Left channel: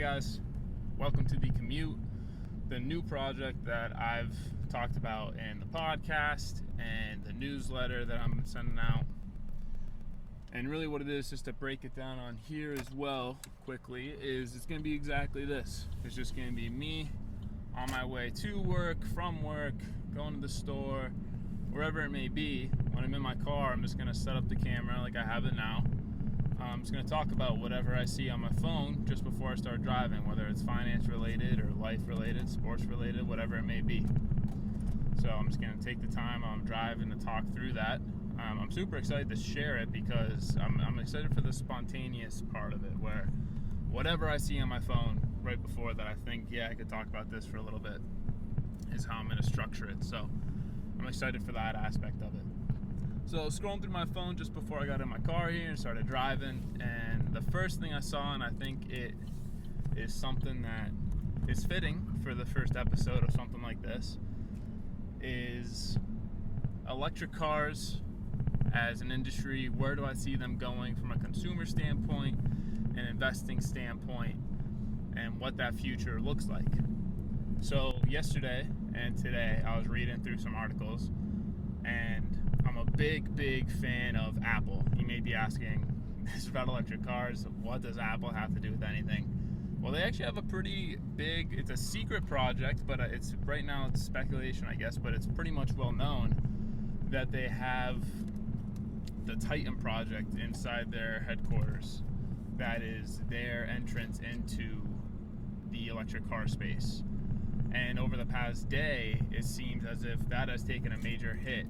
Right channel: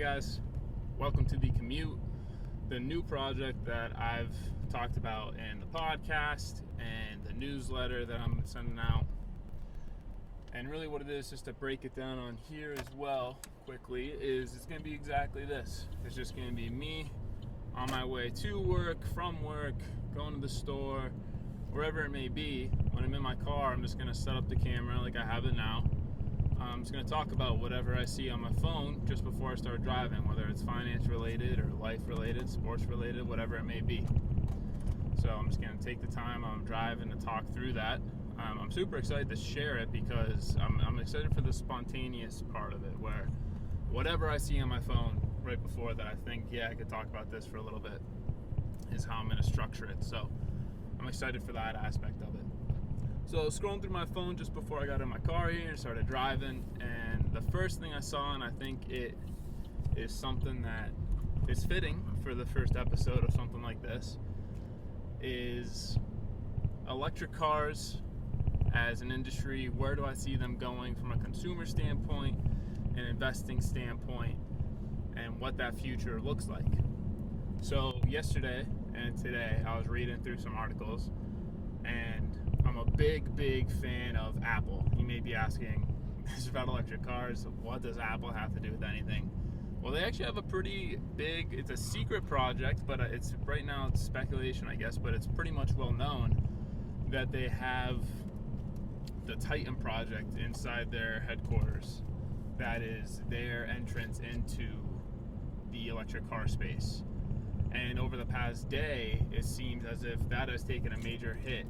guys, welcome to the Commute, the new project that I've talked about in the podcast and the newsletter that I'm sending out. And really what it is, just to break it down on here as well quickly, is it's going to be exactly this. It's just going to be me on my way to work, from work, going to the store, wherever it may be. When I'm in my car, I'm just going to set up the camera like I have it now. I'm just going to talk about whatever I see on my phone just before I start driving, whether it's finance related or life related, sports related, whatever it may be. So I'm just going to take the time I'm driving to talk through that. I'm super excited to share it because I'm excited for the spontaneous part of it, where whatever I see on my phone right before that I think, I could talk about this for a little bit, is how I'm going to structure it. So I'm excited for that aspect of it. So scrolling through my phone just before I got in my car here and started driving, and the first thing I saw, and I think it is something that is fitting for the first episode of something like this, is electric cars as an industry. Where do I see them going from a consumer standpoint, an investing standpoint, and what that future looks like? So yesterday and today I was reading through some articles, and I'm a big fan of Apple. You may be asking, this is about electric cars, what does Apple have to do with anything? Well, they actually have a pretty big, it's a secret project, but it's right now it's speculation, I guess, but it's pretty much well known that they have the Titan project inside their headquarters. That is their entrance into the electric car space. And over the past day, it seems as if that has taken a major hit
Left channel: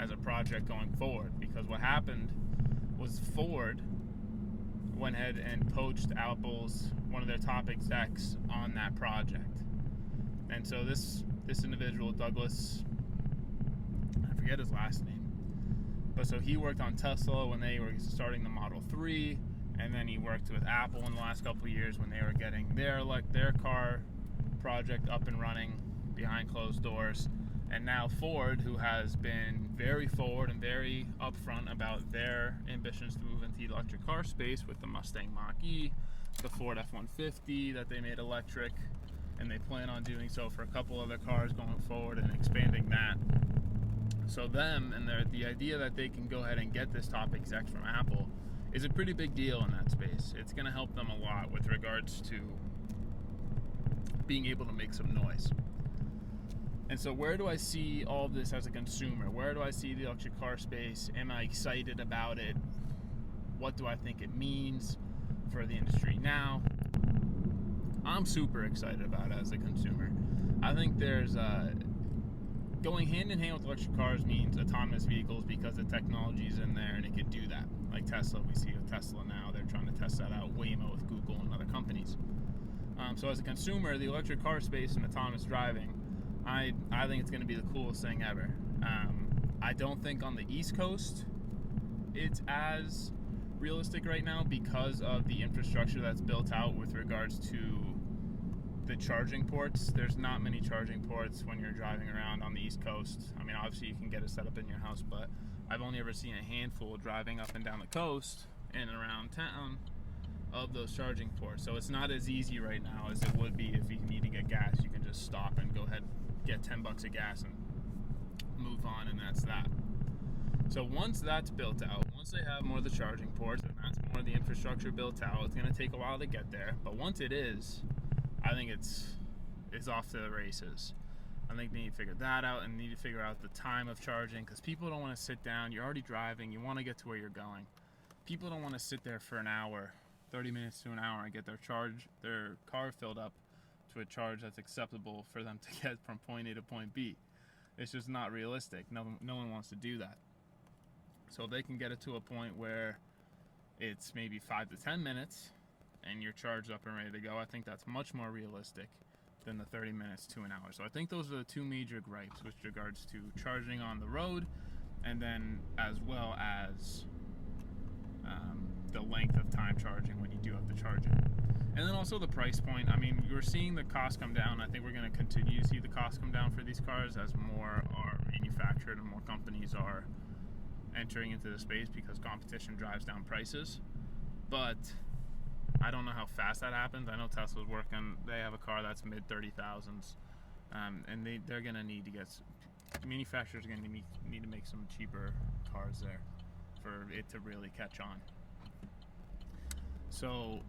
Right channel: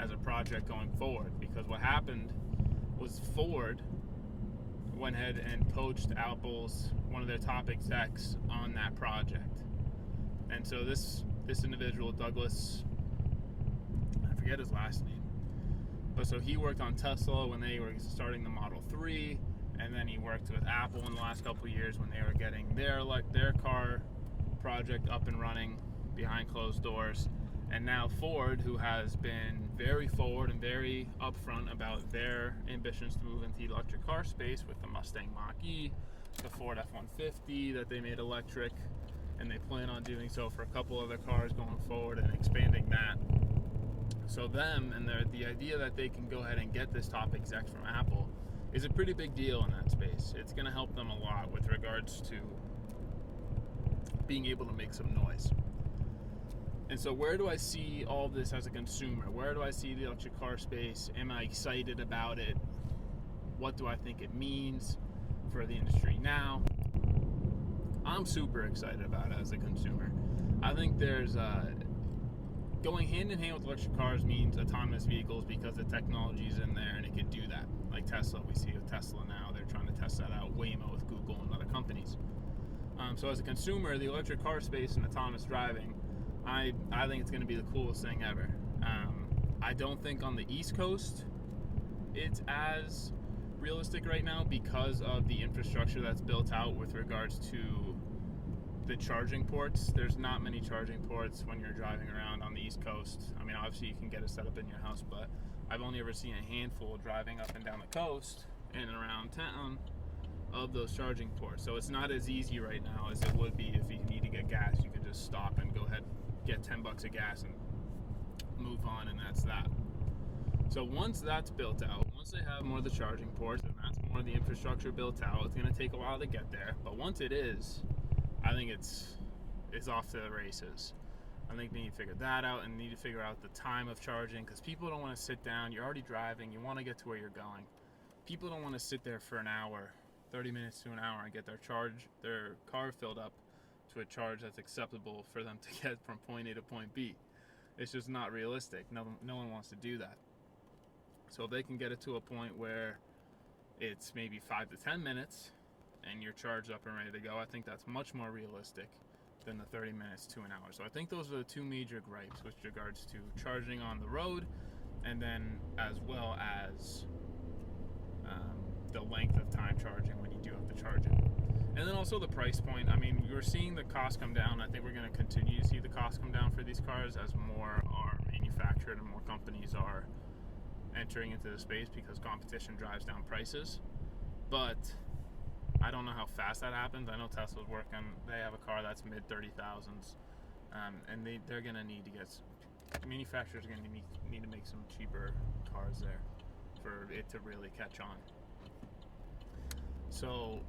as a project going forward, because what happened was Ford went ahead and poached Apple's one of their top execs on that project. And so this individual, Douglas, I forget his last name, but so he worked on Tesla when they were starting the Model 3, and then he worked with Apple in the last couple of years when they were getting their car project up and running behind closed doors. And now Ford, who has been very forward and very upfront about their ambitions to move into the electric car space with the Mustang Mach-E, the Ford F-150 that they made electric, and they plan on doing so for a couple other cars going forward and expanding that. So them and the idea that they can go ahead and get this top exec from Apple is a pretty big deal in that space. It's going to help them a lot with regards to being able to make some noise. And so where do I see all this as a consumer? Where do I see the electric car space? Am I excited about it? What do I think it means for the industry now? I'm super excited about it as a consumer. I think there's going hand in hand with electric cars means autonomous vehicles, because the technology is in there and it can do that. Like Tesla, we see with Tesla now, they're trying to test that out. Waymo with Google and other companies. So as a consumer, the electric car space and autonomous driving, I think it's going to be the coolest thing ever. I don't think on the East Coast it's as realistic right now because of the infrastructure that's built out with regards to the charging ports. There's not many charging ports when you're driving around on the East Coast. I mean, obviously you can get it set up in your house, but I've only ever seen a handful driving up and down the coast and around town of those charging ports. So it's not as easy right now as it would be if you need to get gas. You can just stop and go ahead, get $10 of gas and move on, and that's that. So once that's built out, once they have more of the charging ports and that's more of the infrastructure built out, it's going to take a while to get there. But once it is, I think it's off to the races. I think they need to figure that out and need to figure out the time of charging, because people don't want to sit down. You're already driving. You want to get to where you're going. People don't want to sit there for an hour, 30 minutes to an hour, and get their car filled up to a charge that's acceptable for them to get from point A to point B. It's just not realistic. No one wants to do that. So if they can get it to a point where it's maybe 5 to 10 minutes and you're charged up and ready to go, I think that's much more realistic than the 30 minutes to an hour. So I think those are the two major gripes with regards to charging on the road, and then as well as the length of time charging when you do have to charge it. And then also the price point. I mean, you're seeing the cost come down. I think we're going to continue to see the cost come down for these cars as more are manufactured and more companies are entering into the space, because competition drives down prices. But I don't know how fast that happens. I know Tesla's working. They have a car that's mid 30,000s, and they're gonna need to get. Manufacturers are gonna need to make some cheaper cars there for it to really catch on. So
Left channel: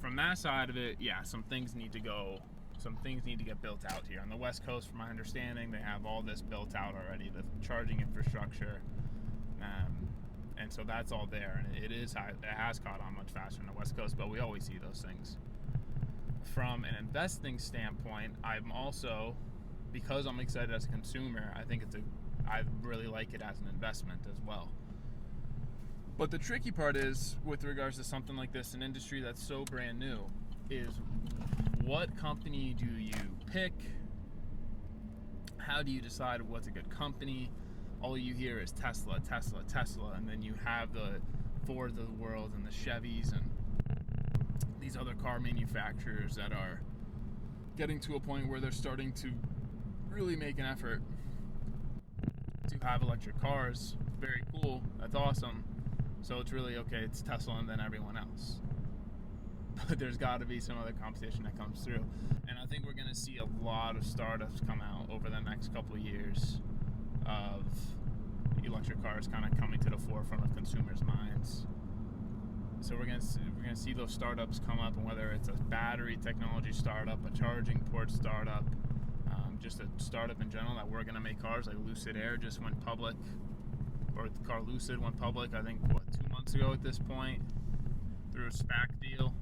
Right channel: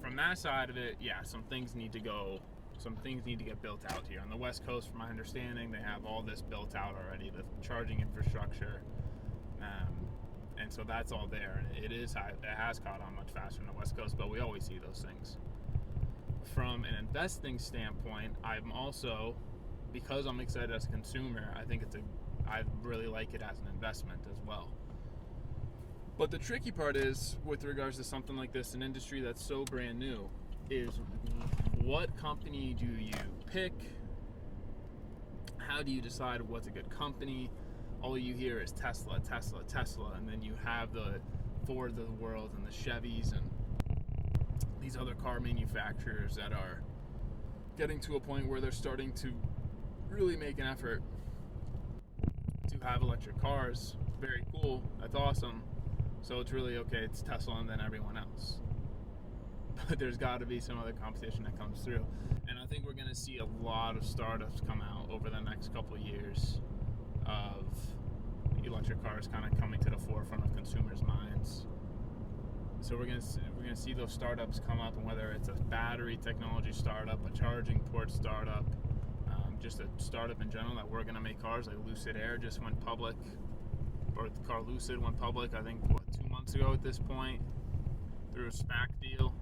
from that side of it, yeah, some things need to get built out here. On the West Coast, from my understanding, they have all this built out already, the charging infrastructure, and so that's all there, and it has caught on much faster on the West Coast, but we always see those things. From an investing standpoint, I'm also, because I'm excited as a consumer, I really like it as an investment as well. But the tricky part is, with regards to something like this, an industry that's so brand new, is what company do you pick? How do you decide what's a good company? All you hear is Tesla, Tesla, Tesla, and then you have the Fords of the world and the Chevys and these other car manufacturers that are getting to a point where they're starting to really make an effort to have electric cars. Very cool, that's awesome. So it's really okay, it's Tesla and then everyone else. But there's got to be some other competition that comes through. And I think we're going to see a lot of startups come out over the next couple of years of electric cars kind of coming to the forefront of consumers' minds. So we're going to see those startups come up, and whether it's a battery technology startup, a charging port startup, just a startup in general that we're going to make cars, like Lucid Air just went public, or the car Lucid went public, I think, 2 months ago at this point, through a SPAC deal.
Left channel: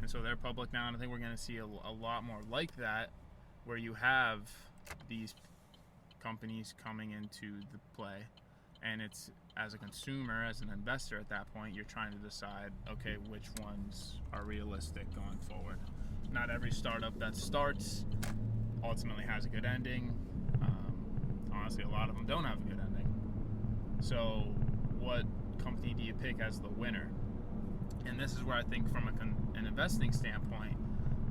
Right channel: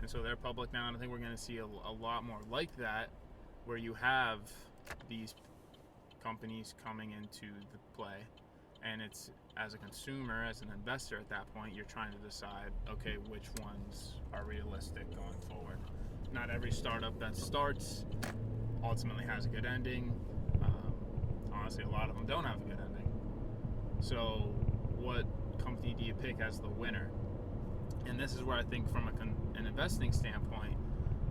And so they're public now, and I think we're going to see a lot more like that, where you have these companies coming into the play, and it's, as a consumer, as an investor at that point, you're trying to decide, okay, which ones are realistic going forward. Not every startup that starts ultimately has a good ending. Honestly, a lot of them don't have a good ending. So what company do you pick as the winner? And this is where I think, from an investing standpoint,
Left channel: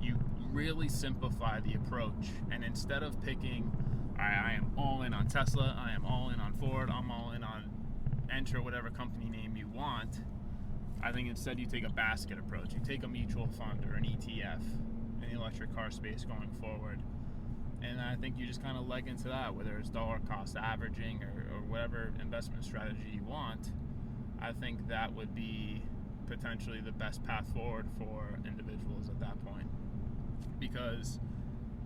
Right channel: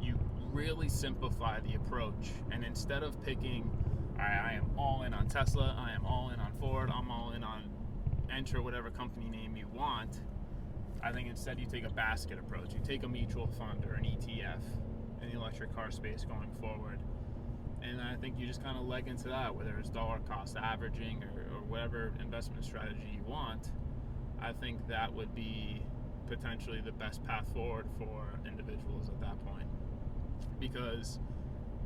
you really simplify the approach. And instead of picking, I am all in on Tesla, I am all in on Ford, I'm all in on enter whatever company name you want, I think instead you take a basket approach. You take a mutual fund or an ETF in the electric car space going forward. And I think you just kind of leg into that, whether it's dollar cost averaging or whatever investment strategy you want. I think that would be potentially the best path forward for individuals at that point. Because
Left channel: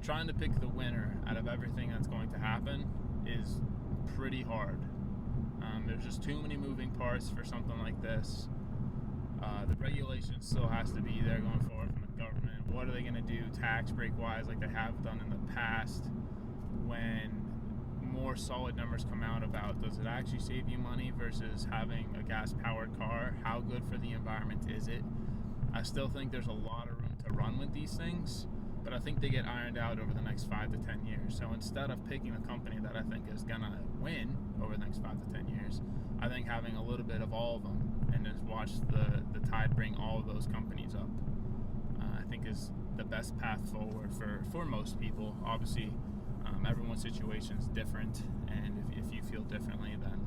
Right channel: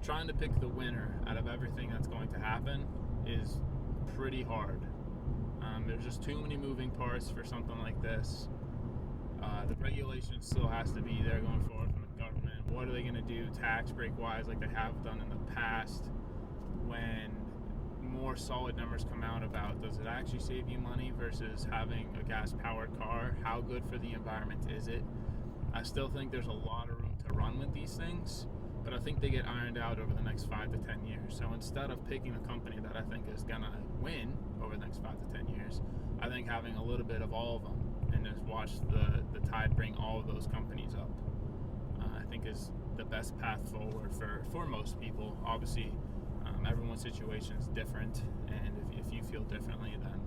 trying to pick the winner out of everything that's going to happen is pretty hard. There's just too many moving parts for something like this. The regulation still has to be there going forward from the government. What are they going to do tax break wise, like they have done in the past, when more solid numbers come out about, does it actually save you money versus having a gas powered car? How good for the environment is it? I still think there's a lot of room to run with these things, but I think they get ironed out over the next 5 to 10 years. So instead of picking a company that I think is gonna win over the next 5 to 10 years, I think having a little bit of all of them and just watch the tide bring all of those companies up, I think is the best path forward for most people. Obviously, everyone's situation is different, and if you feel differently, then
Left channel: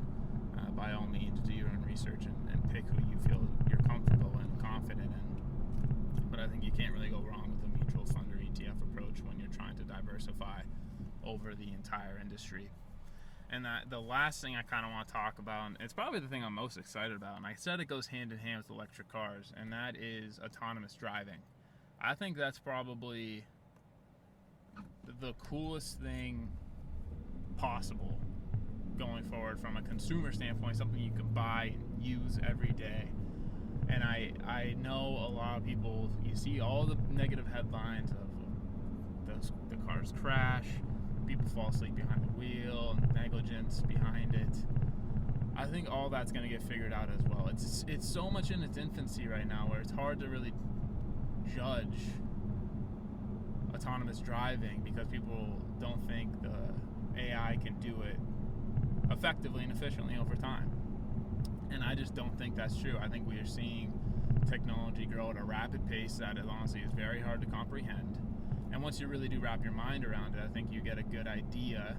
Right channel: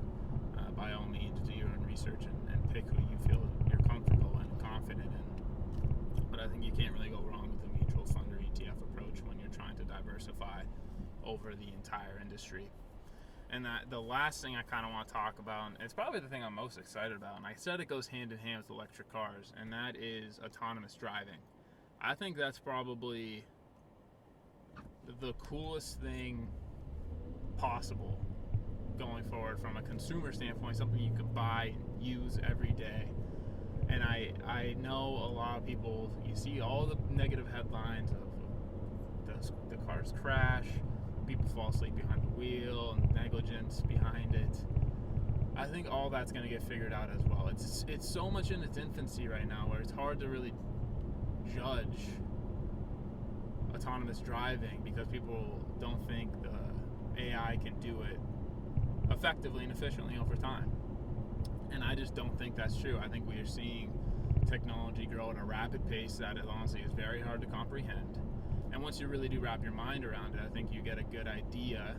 by all means do your own research and pick who you feel you're comfortable and confident in. But I think you can't really go wrong with a mutual fund or ETF approach when you're trying to diversify over the entire industry. And the last thing I kind of want to talk about, and it's probably the thing I'm most excited about, and I said it goes hand in hand with electric cars, and that is autonomous driving. I think that's probably the coolest thing possible going forward from a consumer standpoint, something you can buy and use every day. And I know a lot of people, you see all the negative headlines of the cars crash, people fall asleep behind the wheel, and negligence behind it. I think all that's going to get figured out as well. It's so much in its infancy right now, where it's hard to really judge autonomous driving because people don't think the AI can do it effectively and efficiently over time. And I just don't think that's true. I think we are seeing technology grow at a rapid pace that honestly is very hard to comprehend. And once you really do wrap your mind around it, I think you get a good idea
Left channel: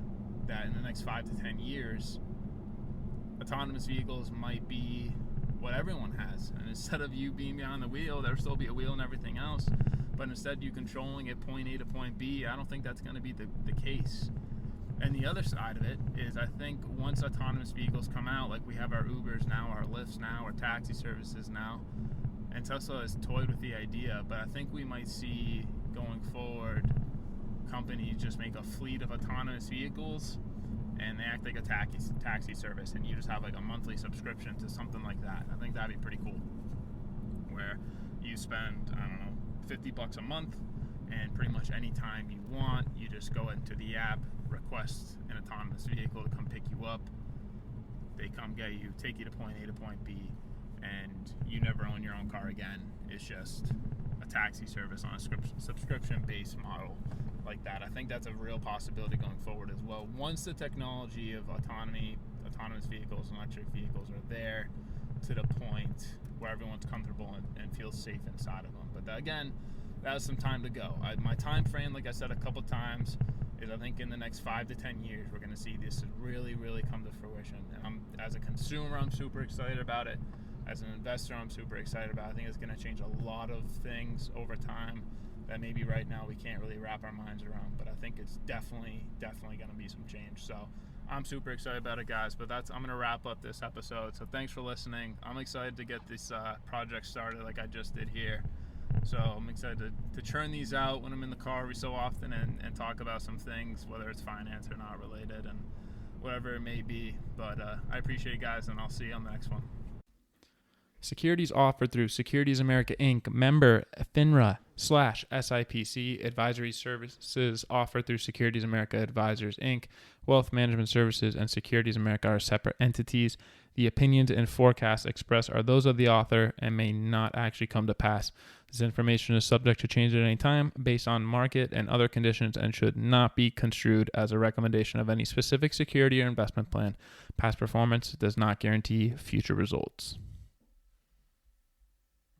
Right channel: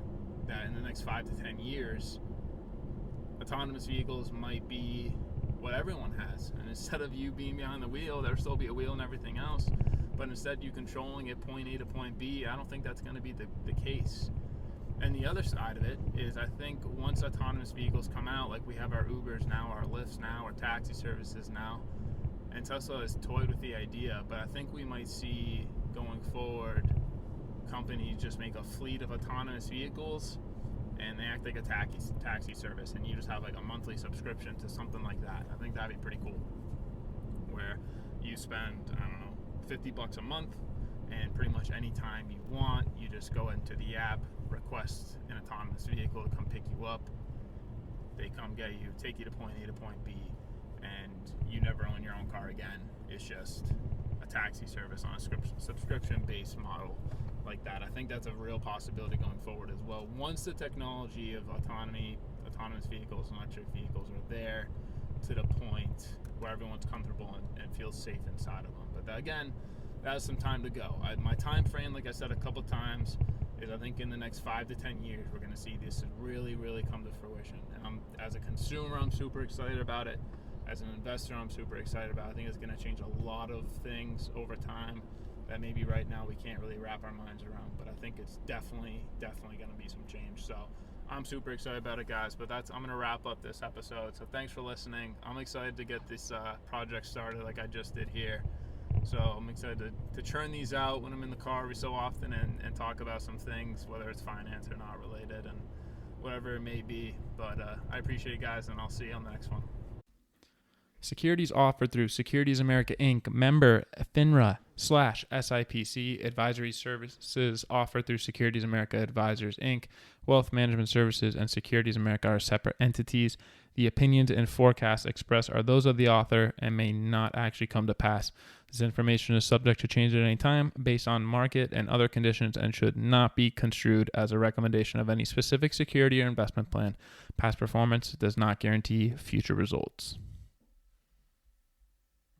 that in the next 5 to 10 years, autonomous vehicles might be what everyone has. And instead of you being behind the wheel, there'll still be a wheel and everything else, but instead you controlling it point A to point B, I don't think that's going to be the case. And the other side of it is, I think once autonomous vehicles come out, like we have our Ubers now, our Lyfts now, our taxi services now, and Tesla has toyed with the idea, but I think we might see going forward companies just make a fleet of autonomous vehicles and they act like a taxi service, and you just have like a monthly subscription to something like that. I think that'd be pretty cool, where you spend, I don't know, $50 a month, and pretty much any time you want, you just go into the app, request an autonomous vehicle to come pick you up. They come get you, take you to point A to point B, and you never own your own car again. It's just a taxi service on a subscription-based model like that. I think that's a real possibility going forward as well. Once the technology of autonomous vehicles, and electric vehicles are there to the point where everyone's comfortable and feels safe inside of them. But again, that has some time to go. My time frame, like I said a couple times, is I think in the next 5 to 10 years we're going to see this really, really come to fruition. And as a consumer, I'm super excited about it. As an investor, I'm super excited about it. I think it's going to change a lot of things over time that maybe right now we can't really wrap our minds around. But I think it's definitely going to be some change. So I'm super excited about it, guys. But I'm going to wrap up this episode. So thanks for listening. I'm excited to get this project started like I just did here. So I'm excited to churn these out when I'm in the car every so often and talk about some things, whether it's finance or not related and whatever it may be. But I appreciate you guys, and I'll see you on the next one. Securities offered through Securities America Inc., member FINRA/SIPC. Advisory services offered through Securities America Advisors Inc. Wealth Management Services and Securities America are separate entities. The opinions and forecasts expressed are those of the author and may not actually come to pass. This information is subject to change at any time based on market and other conditions and should not be construed as a recommendation of any specific security or investment plan. Past performance does not guarantee future results.